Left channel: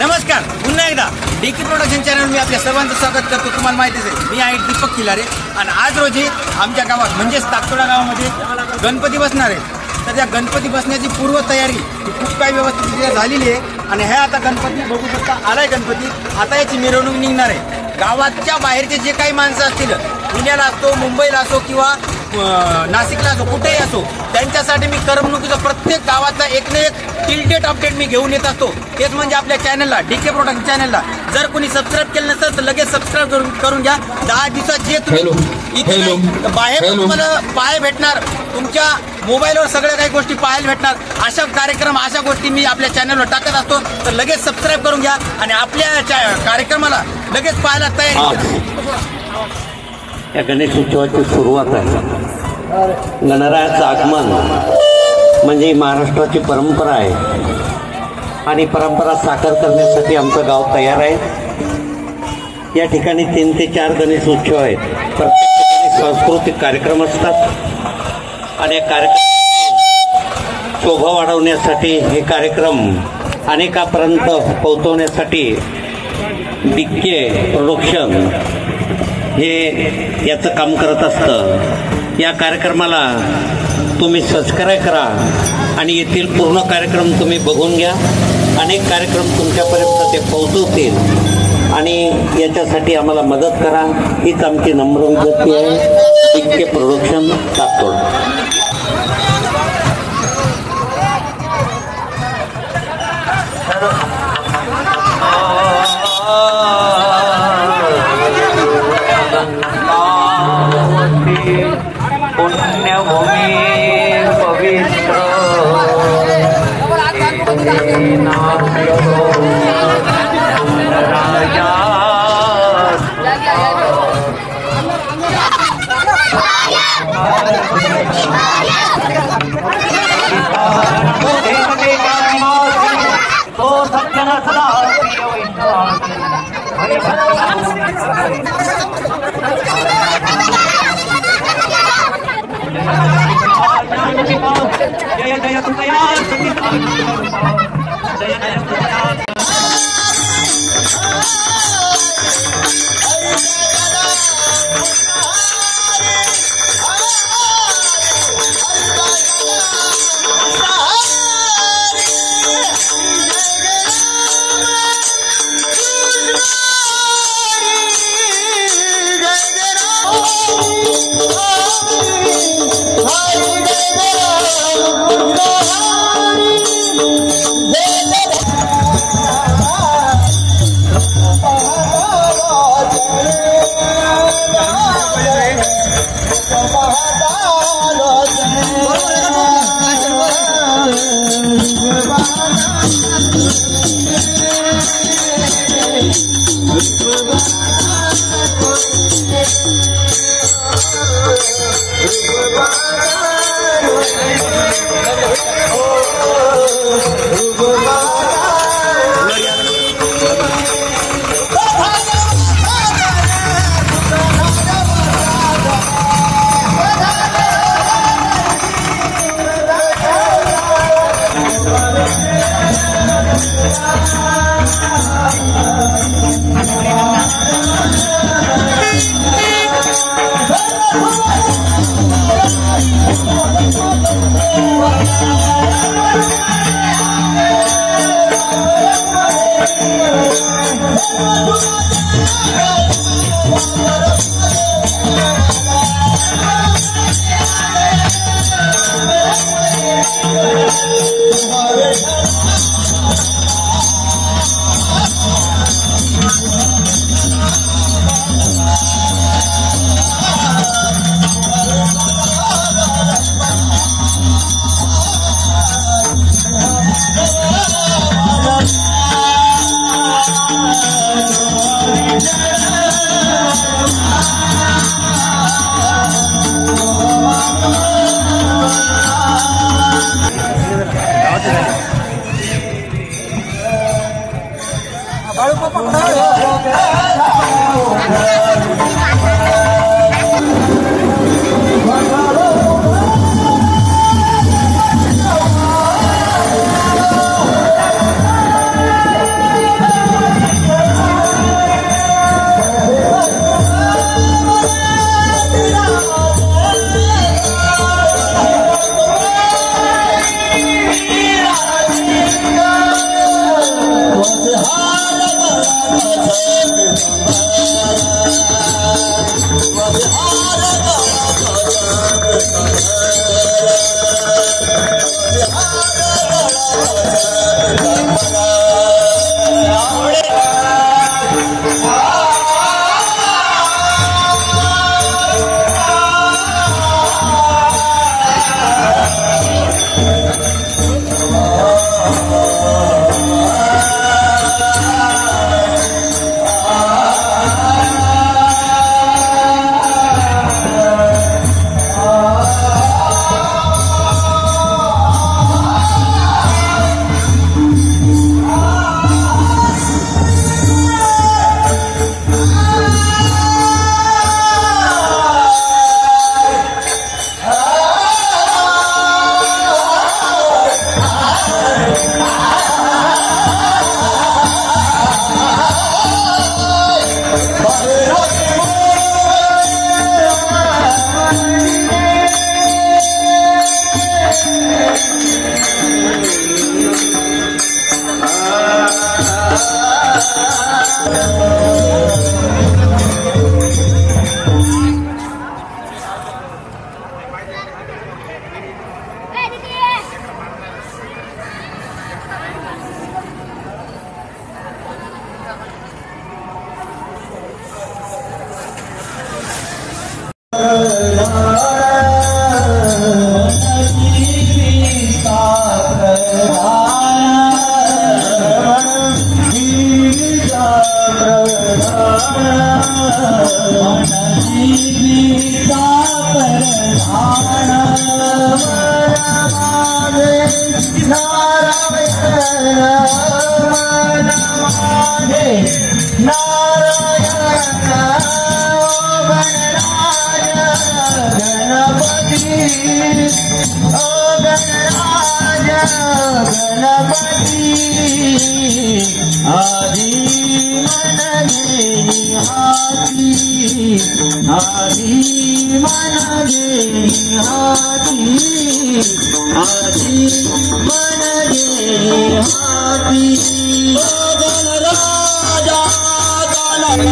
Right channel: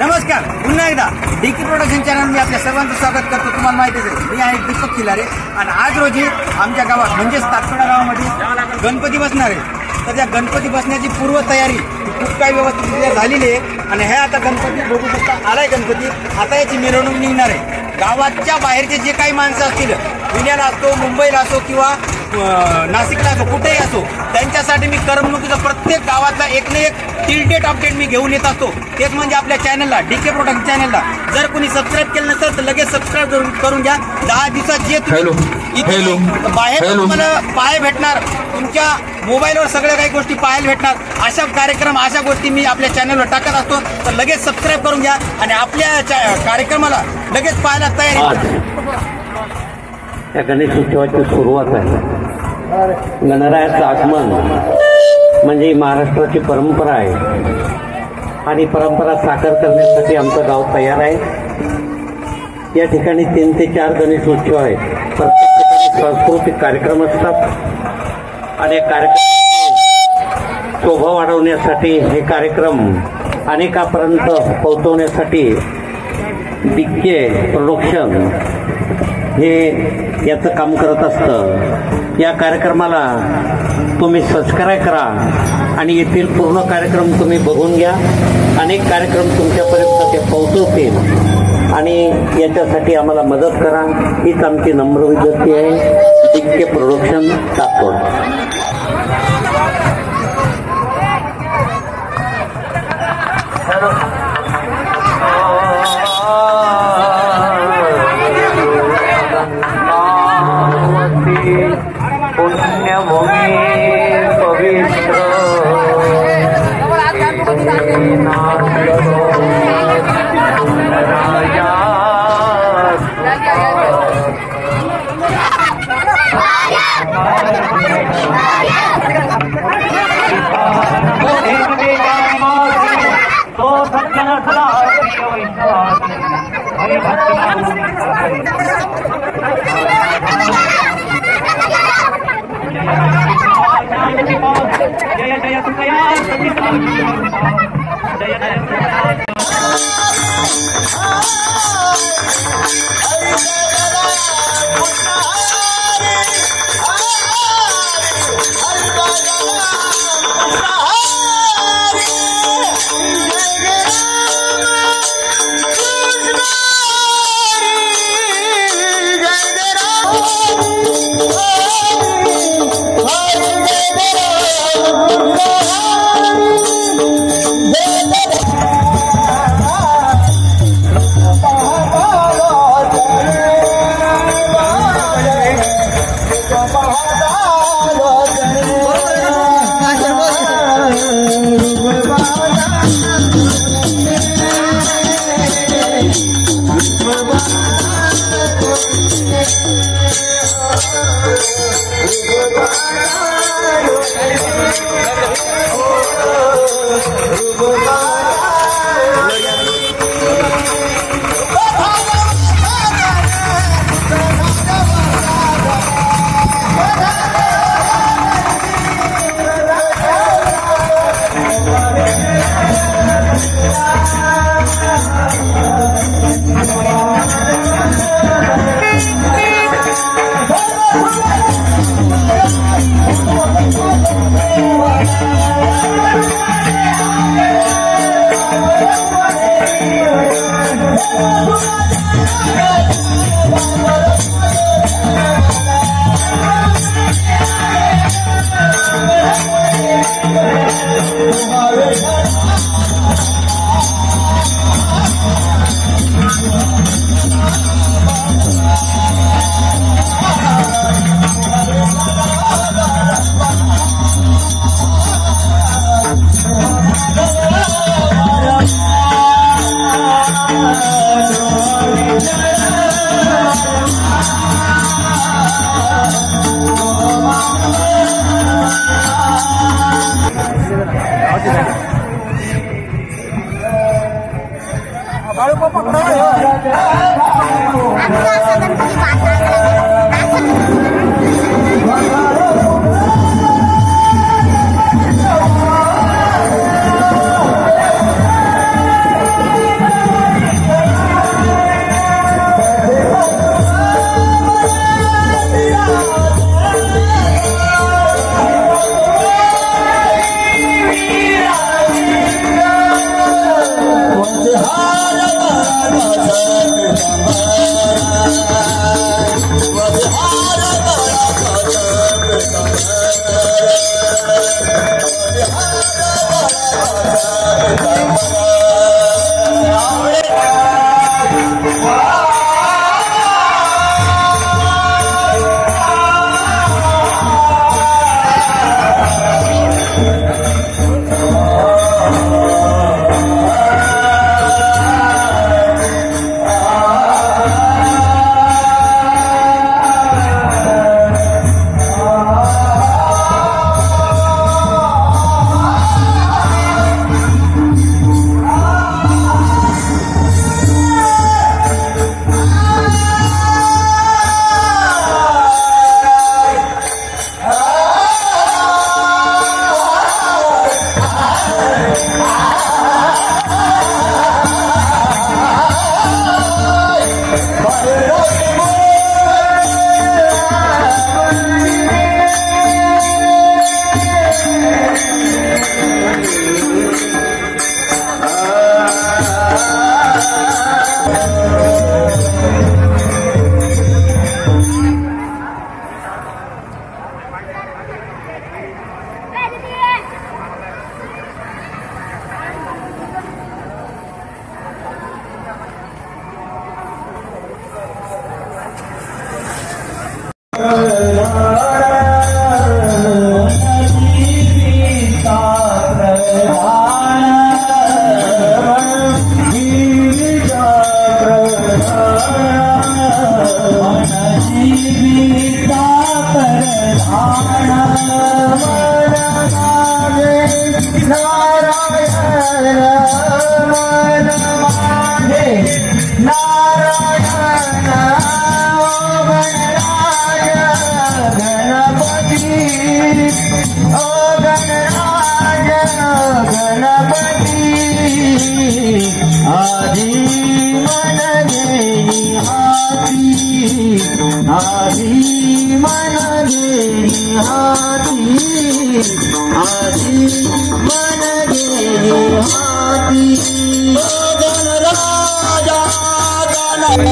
नमस्कार, पुन्हा एकदा डीके प्रोडक्शन चॅनल मी आपल्या सर्वांचं स्वागत करतो। तुम्हाला माहितीच आहे मी आहे दीपक खिलारे आणि आज रोजी आमच्या गावात म्हणजेच ताकतोडा गावामध्ये गणपती बसणार आहे। तर त्या गणपती बसण्याची पूर्वतयारी खूप काही व्यवस्थितरित्या झालेली आहे आणि हे आता गणपती बघू शकता आलाय गणपती। आता याची मिरवणूक निघणार आहे। गावाच्या बाहेरचे जे काही माणसं असतील, पुण्याला असो, मुंबईला असो किंवा नाशिकला असो, कुठेही असो, त्यांच्यासाठी मी करमणुकीचं प्रत्येक गावातला एक ना एक टिल अपडेट मी घेऊन येत असतो। तेच म्हणजे आपल्या चॅनलला, डीके प्रोडक्शन चॅनलला जर कोणी सबस्क्राईब केलं नसेल तर लगेच सबस्क्राईब करून घ्या। 10 दिवसात जे बाहेर तुम्हाला पाहायला भेटणार, तुमच्या मोबाईलवर सगळ्या काही गोष्टी पाहायला भेटणार, अशा कार्यक्रम अशा गोष्टी मी आपल्या चॅनलवर टाकत असतो। तर लगेच सबस्क्राईब करून घ्या आणि आपल्या कार्यक्रमाला लगेच पाहायला तयारी। या गणेश उत्सवाची सुरुवात आहे। गणरायाचं आगमन म्हणजे महाराष्ट्राची परंपरा आहे आणि परंपरा साकार करण्यासाठी आमचं गाव तयार आहे। या ठिकाणी 3 ते 4 गणेश उत्सव आहेत। प्रत्येक ठिकाणी सांस्कृतिक कार्यक्रम असतात आणि कार्यक्रमाची शोभा वाढवण्यासाठी हे कार्यक्रम अनेकापर्यंत पोहोचवण्यासाठी डीके प्रोडक्शन हे याचं काम करत असतं। या कार्यक्रमाला तुम्ही सबस्क्राईब करा आणि येथील पूर्ण कार्यक्रम तुम्ही बघून घ्या। अनेक कार्यक्रम तुमच्यापर्यंत ते पोहोचवतील आणि याच्यासाठी आम्हाला मदत करा, हीच आमची नम्र विनंती आहे। DK production ताकतोड। पुण्यभूमी पवित्र राजा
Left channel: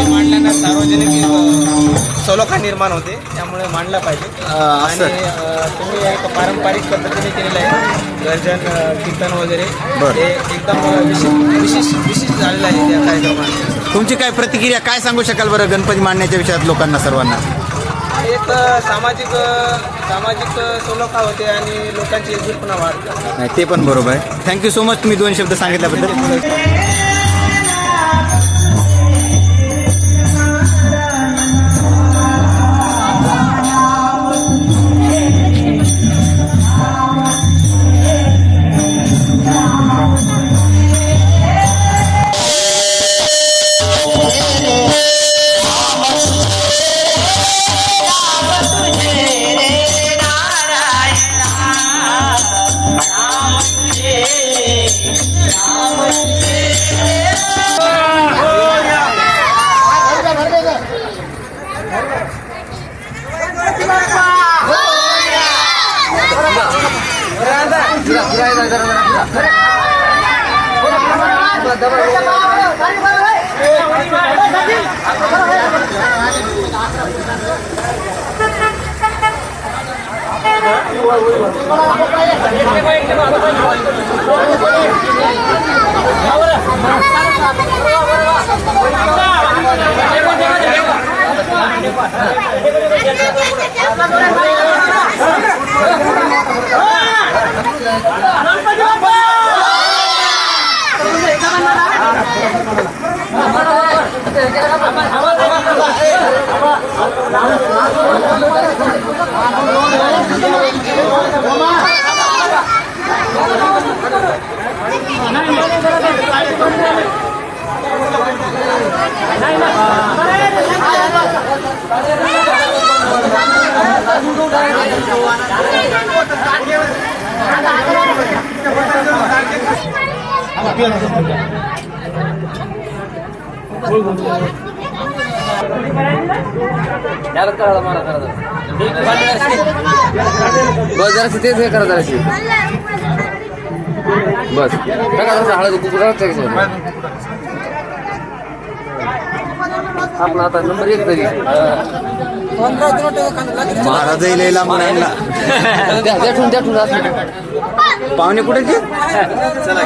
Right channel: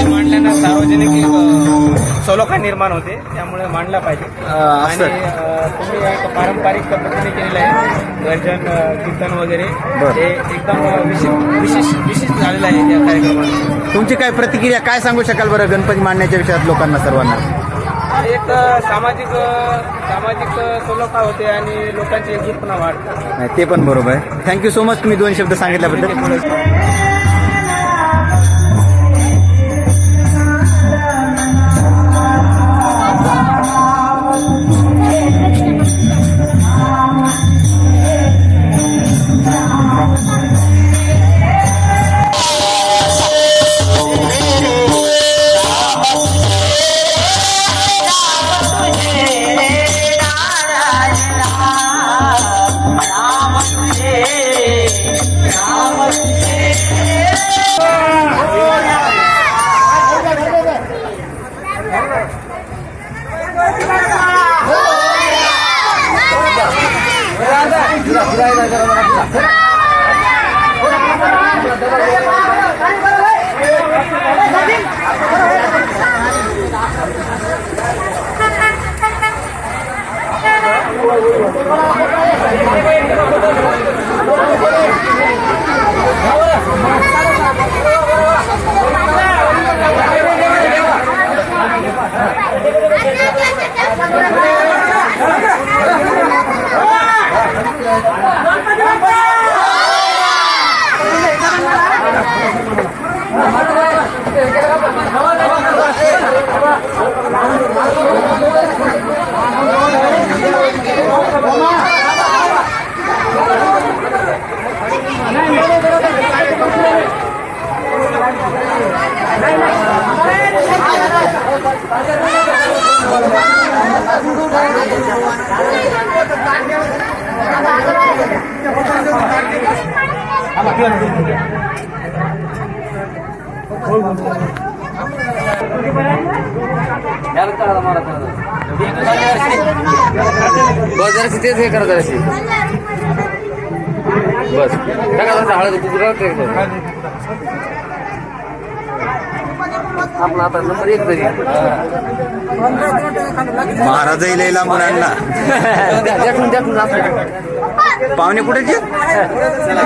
मांडल्यानं सार्वजनिक सलोखा निर्माण होते, त्यामुळे मांडला पाहिजे. आणि तुम्ही एक पारंपरिक पद्धतीने केलेलं आहे गर्जन कीर्तन वगैरे, ते एकदम विशिष्ट झालेलं आहे या कार्यक्रमाने. तुमची काय प्रतिक्रिया, काय सांगू शकाल बरं गणपती मांडण्याच्या विषयात लोकांना सर्वांना? एक सामाजिक सलोखा होते आणि लोकांची एकजूटपणा वाढते. नाही, ते पण बरोबर आहे. थँक्यू सो मच तुम्ही 2 शब्द सांगितल्याबद्दल. महाराज लैला मुलांना पाहुणे कुठे जरा